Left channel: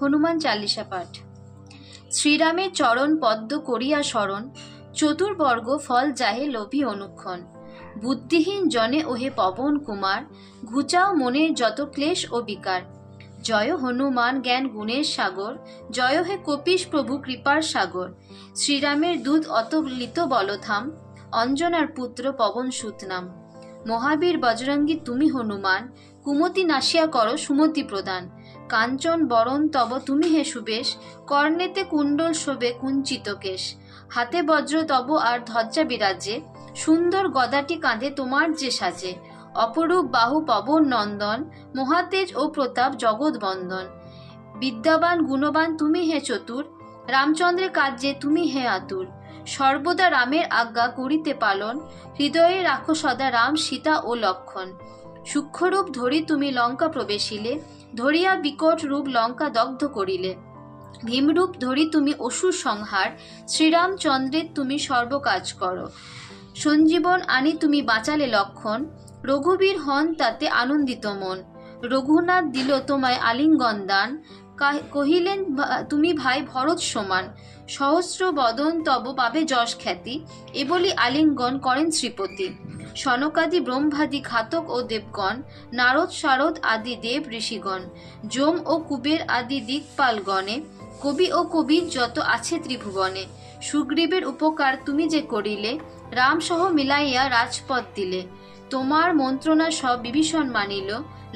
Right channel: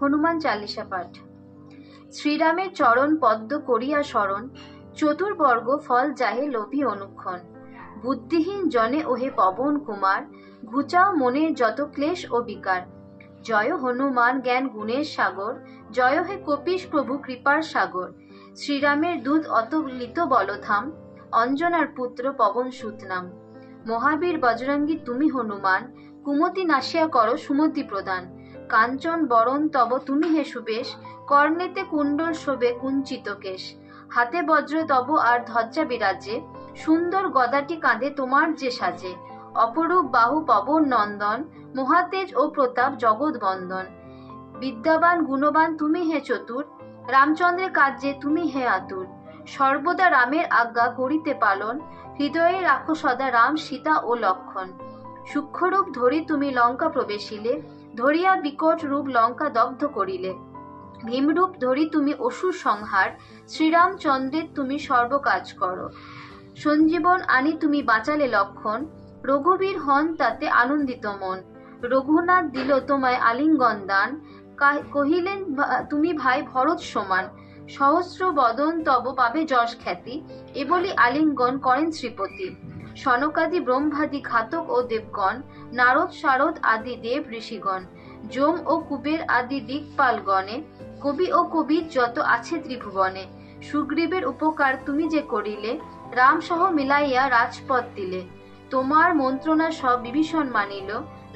হনুমান চালিসা পাঠ। শ্রীরামের চরণ পদ্ম করিয়া স্মরণ, চতুর্বর্গ ফল যাহে লোভী অনুক্ষণ। বুদ্ধিহীন জনে ওহে পবন কুমার, ঘুচাও মনের যত ক্লেশ ও বিকার। জয় হনুমান জ্ঞান গুণের সাগর, জয় হে কপিশ প্রভু কৃপার সাগর। শ্রীরামের দূত অতলিত বলধাম, অঞ্জনার পুত্র পবন সুত নাম। মহাবীর বজরঙ্গী তুমি হনুমান, কুমতি নাশিয়া করো সুমতি প্রদান। কাঞ্চন বরণ তব তুমি হে সুবেশ, কর্ণেতে কুণ্ডল শোভে কুঞ্চিত কেশ। হাতে বজ্র তব আর ধ্বজা বিরাজে, সুন্দর গদাটি কাঁধে তোমার যে সাজে। অপরূপ বাহু পবন নন্দন, মহাতেজ ও প্রতাপ জগৎ বন্দন। বিদ্যাবান গুণবান তুমি হে চতুর, রামচন্দ্রের কার্যে তুমি হে আতুর। সর্বদা রামের আজ্ঞা করিতে পালন, হৃদয়ে রাখো সদা রাম সীতা ও লক্ষণ। সূক্ষ্মরূপ ধরি তুমি লঙ্কা প্রবেশিলে, ধরিয়া বিকট রূপ লঙ্কা দগ্ধ করিলে। ভীমরূপ ধরি তুমি অসুর সংহার, শ্রীরামচন্দ্রের তুমি সর্বকাজ করো। সঞ্জীবন আনি তুমি বাঁচালে লক্ষণ, রঘুবীর হন তাতে আনন্দিত মন। রঘুনাথ দিল তোমায় আলিঙ্গন দান, কহিলেন তুমি ভাই ভরত সমান। সহস্র বদন তব পাবে যশ খ্যাতি, এ বলি আলিঙ্গন করেন শ্রীপতি। সনকাদি ব্রহ্মাদি ঘাতক ও দেবগণ, নারদ শারদ আদি দেব ঋষিগণ। যম ও কুবের আদি দিকপালগণে, কবি ও কবির যত আছে ত্রিভুবনে। সুগ্রীবের উপকার তুমি যে করিলে, রাম সহ মিলাইয়া রাজপথ দিলে। তোমার মন্ত্রণা সব বিভীষণ মানিল,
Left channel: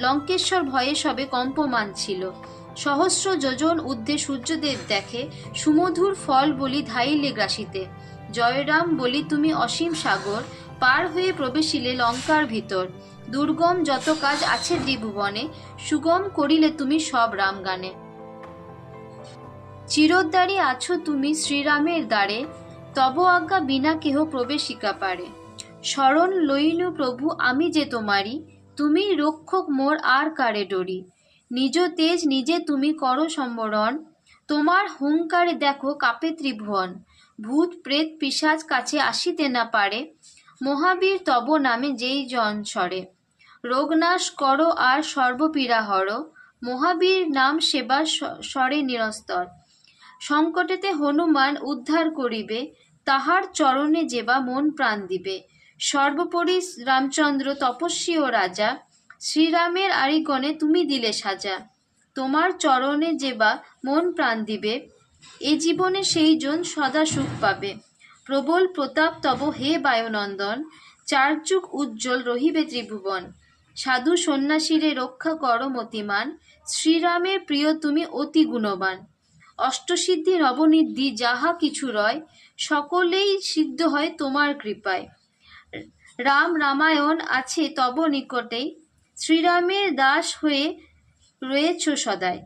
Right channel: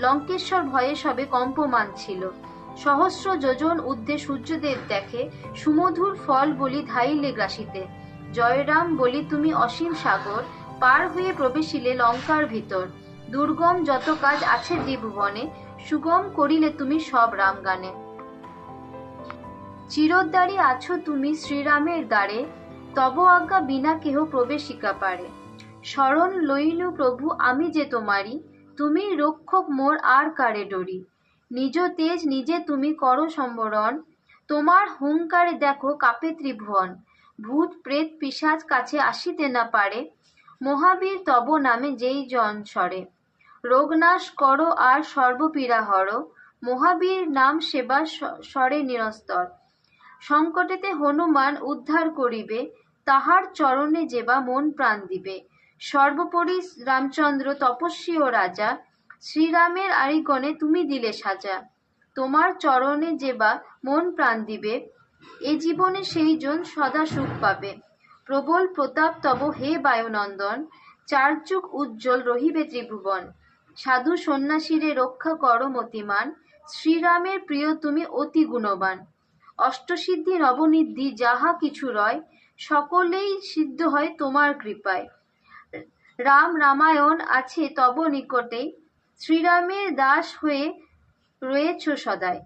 লঙ্কেশ্বর ভয়ে সবে কম্পমান ছিল। সহস্র যোজন ঊর্ধ্বে সূর্যদেব দেখে, সুমধুর ফল বলি ধাইলে গ্রাসিতে। জয়রাম বলি তুমি অসীম সাগর, পার হয়ে প্রবেশিলে লঙ্কার ভিতর। দুর্গম যত কাজ আছে ত্রিভুবনে, সুগম করিলে তুমি সব রাম গানে। চিরোদ্ধারী আছো তুমি শ্রীরামের দ্বারে, তব আজ্ঞা বিনা কেহ প্রবেশিকা পারে। শরণ লইনু প্রভু আমি যে তোমারি, তুমি রক্ষক মোর আর কারে ডরি। নিজ তেজ নিজে তুমি করো সম্বরণ, তোমার হুঙ্কারে দেখো কাপে ত্রিভুবন। ভূত প্রেত পিশাচ কাছে আসিতে না পারে, মহাবীর তব নামে যেই জন সরে। রোগনাশ করো আর সর্বপীড়া হরো, মহাবীর নাম সেবা সরে নিরস্তর। সংকটেতে হনুমান উদ্ধার করিবে, তাহার চরণে যেবা মন প্রাণ দিবে। সর্বোপরি রামচন্দ্র তপস্বী ও রাজা, শ্রীরামের আরিগণে তুমি দিলে সাজা। তোমার চরণে যেবা মন প্রাণ দিবে, এ জীবনে সেই জন সদা সুখ পাবে। প্রবল প্রতাপ তব হে বায়ুনন্দন, চার যুগ উজ্জ্বল রহিবে ত্রিভুবন। সাধু সন্ন্যাসীরে রক্ষা করো মতিমান, শ্রীরামের প্রিয় তুমি অতি গুণবান। অষ্টসিদ্ধি নবনিদ্ধি যাহা কিছু রয়, সকলেই সিদ্ধ হয় তোমার কৃপায়। রাম রামায়ণ আছে তব নিকটেই, শ্রীরামের দাস হয়ে রয়েছ সদাই।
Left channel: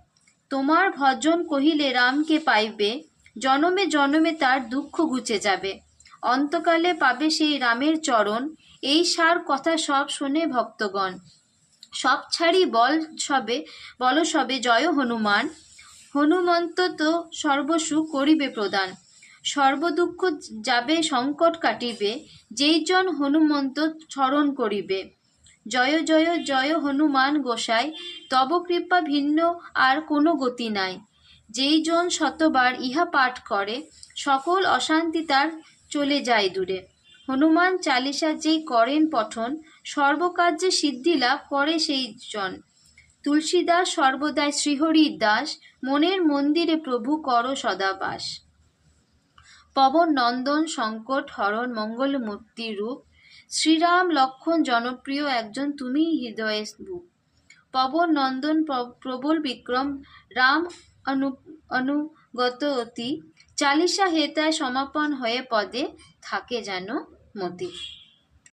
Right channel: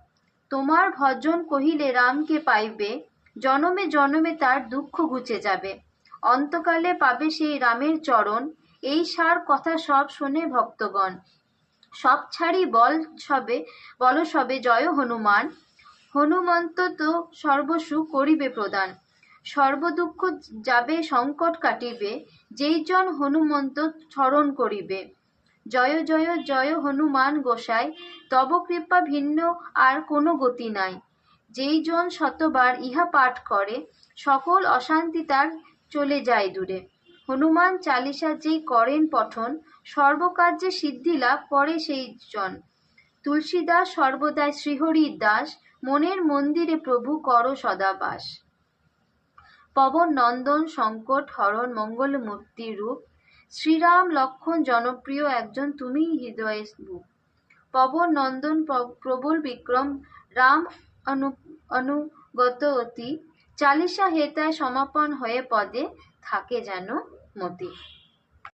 তোমার ভজন কহিলে রামকে পাইবে, জনমে জনমে তার দুঃখ ঘুচে যাবে। অন্তকালে পাবে সেই রামের চরণ, এই সার কথা সব শোনে ভক্তগণ। সব ছাড়ি বল সবে জয় হনুমান, হনুমন্ত তো সর্বসুখ করিবে প্রদান। সর্বদুঃখ যাবে সংকট কাটিবে, যেই জন হনুমন্ত স্মরণ করিবে। জয় জয় জয় হনুমান গোসাই, তব কৃপা ভিন্ন আর কোনো গতি নাই। যেই জন শতবার ইহা পাঠ করে, সকল অশান্তি তার চলে যায় দূরে। হনুমান চালিসা যেই করেন পঠন, সর্বকার্যে সিদ্ধি লাভ করে সেই জন। তুলসীদাস সর্বদাই শ্রীহরির দাস, মনের মন্দিরে প্রভু করো সদা বাস। পবন নন্দন সংকট হরণ মঙ্গলমূর্তি রূপ, শ্রীরাম লক্ষণ জনপ্রিয় একজন তুমি হৃদয়ে বুক। পবন নন্দন প্রবল বিক্রম, রাম অনুগত অতি, চালিসা হেতায় সমাপন হয়ে পদে থাকে যেন মতি।